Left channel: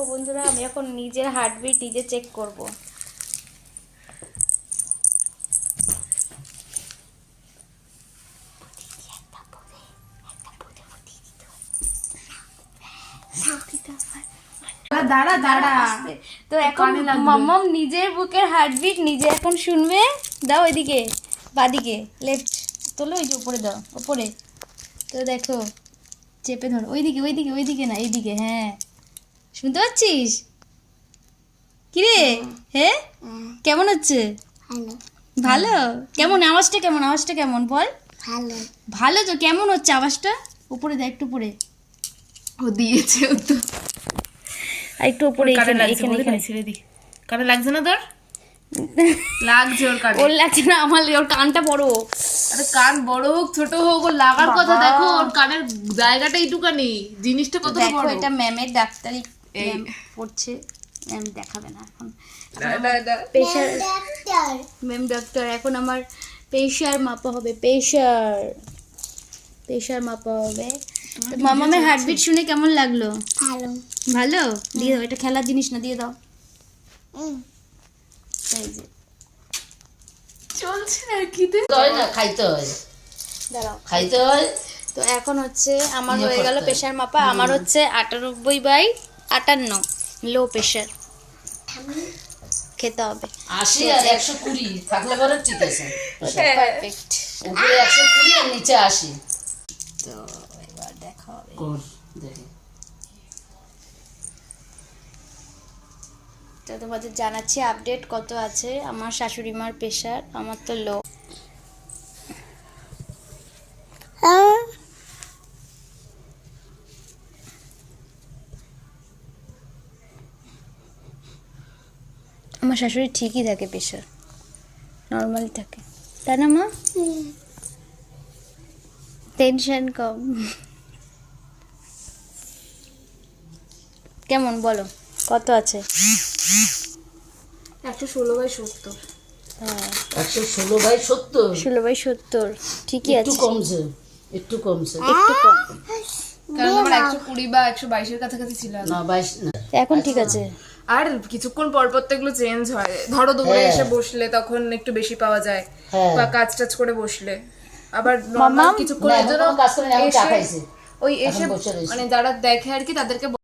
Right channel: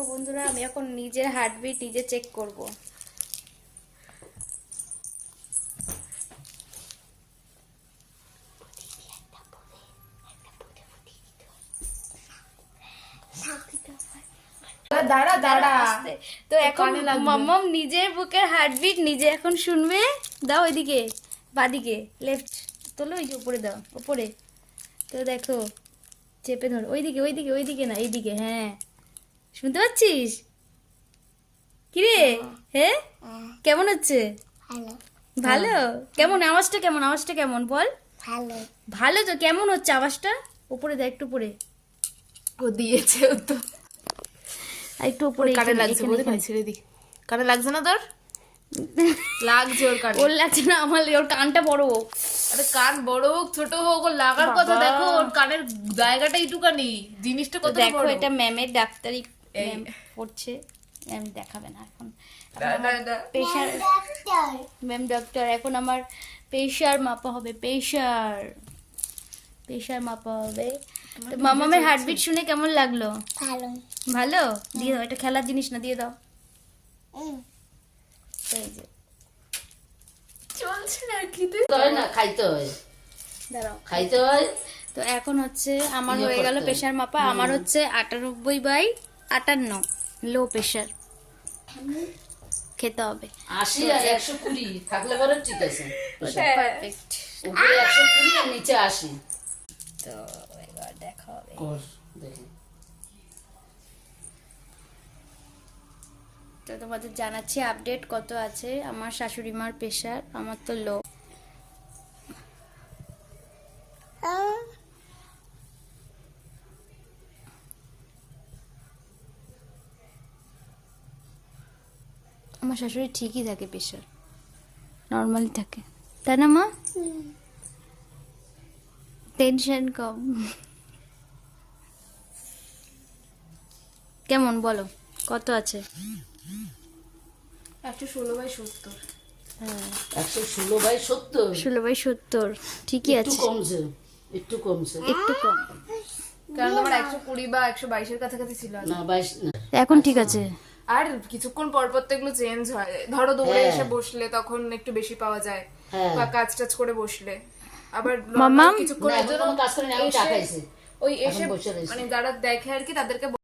দেখো বন্ধুরা, আমি এখন নিজের হার্টবিট নিজে চেক করব। দাঁড়া দাঁড়া। তো এখন মাম্মাম নিজের বুকের হার্টবিট নিজে এখন শুনবে। দাও এদিকে, বাদিকে, লেফট তোলো, এই যে উপরে দাও, উপরে। তো দেখো, চেপে ধরো, ওইদিকে ওইদিকে ওইদিকে না, এইদিকে। হ্যাঁ, শুনতে পাচ্ছিস? কিরে, হ্যাঁ কেমন হচ্ছে? ভালো ভালো? কেমন আওয়াজটা, কেমন আওয়াজটা কেমন বল? ভালো ভালো তো, কেমন হচ্ছে আওয়াজটা? উপরে দেখ, একটু উপরে, ও দিয়েছে তো। আর একটু উপরে, কানে এখানে লাগছে, এখানে এখানে। ছেড়ে দি। কানে লাগছে না তোর? লাগছে ওর কানে। ওর লাগছে না, আমার ওর কানটা বড়। আরে কান বড় হোক ছোট হোক, ওর লাগার কথা দেখো। ওর কানের জায়গাটা এইটুকানি, জিনিসটা কত দেখো, বড়। এটা ম্যামের ডাক্তারি এই। ম্যাম পড়ছে। ম্যাম দেখাবে না এখন, না। প্রেশার। ডাক্তার ম্যাম ডাক্তার, এখন আমার প্রেশার মাপা হবে। প্রেশার মাপা হবে। মামামের হার্টবিট শুনে কেমন লাগলো? ভালো ভালো? দিয়ে দাও, এটা খেলার জিনিস না, দিয়ে দাও। এই যে চলছে আর কি তুই? হয় না, খাইতে হয়, দাঁড়াও। খাইতে হয়। তো এখন হচ্ছে আমার হয়ে গেল প্রেশার মাপা। আমার হচ্ছে 98/58 লো প্রেশার। খেতে হবে 80 আর 120 থাকলে পরে ঠিক আছে। পারফেক্ট। উপরে 120 আর নিচে 80। তো এবার দেখা হবে। কর দেখি। তো তোমাদের জানাচ্ছি আপডেট কত আছে। আমার শাশুড়ি মার প্রেশার, আমার তো লো। আমার শাশুড়ি ঠিকই থাকে, প্রেশার নর্মালি থাকে, তাই না মা? টেনশন কম। কেমন বলো, কত আছে? 116/70। হ্যাঁ, 116/70। 16/70 ঠিকই একটু আছে, কমছে, একটু কমছে। একটু কম। কারণ আমার 120 বা 122 এর কাছাকাছি ছিল আগে। না 22 না। এখন ঠিক আছে। আর কিছুক্ষণ পর পর তো এগুলো চেঞ্জ হয়। ধরো দূরে এসে বসলে তখন একটু বেশি পাওয়া যায়, হ্যাঁ। বা কাজ টাজ করে বসলে। আবার মাম্মা, কিছুক্ষণ না, এখন কোনো কাজ করি না, আমি চা খাইছি। ওই এসে এখন বসে রয়েছি। মানে যারা দেখে আর কি, তাদেরকে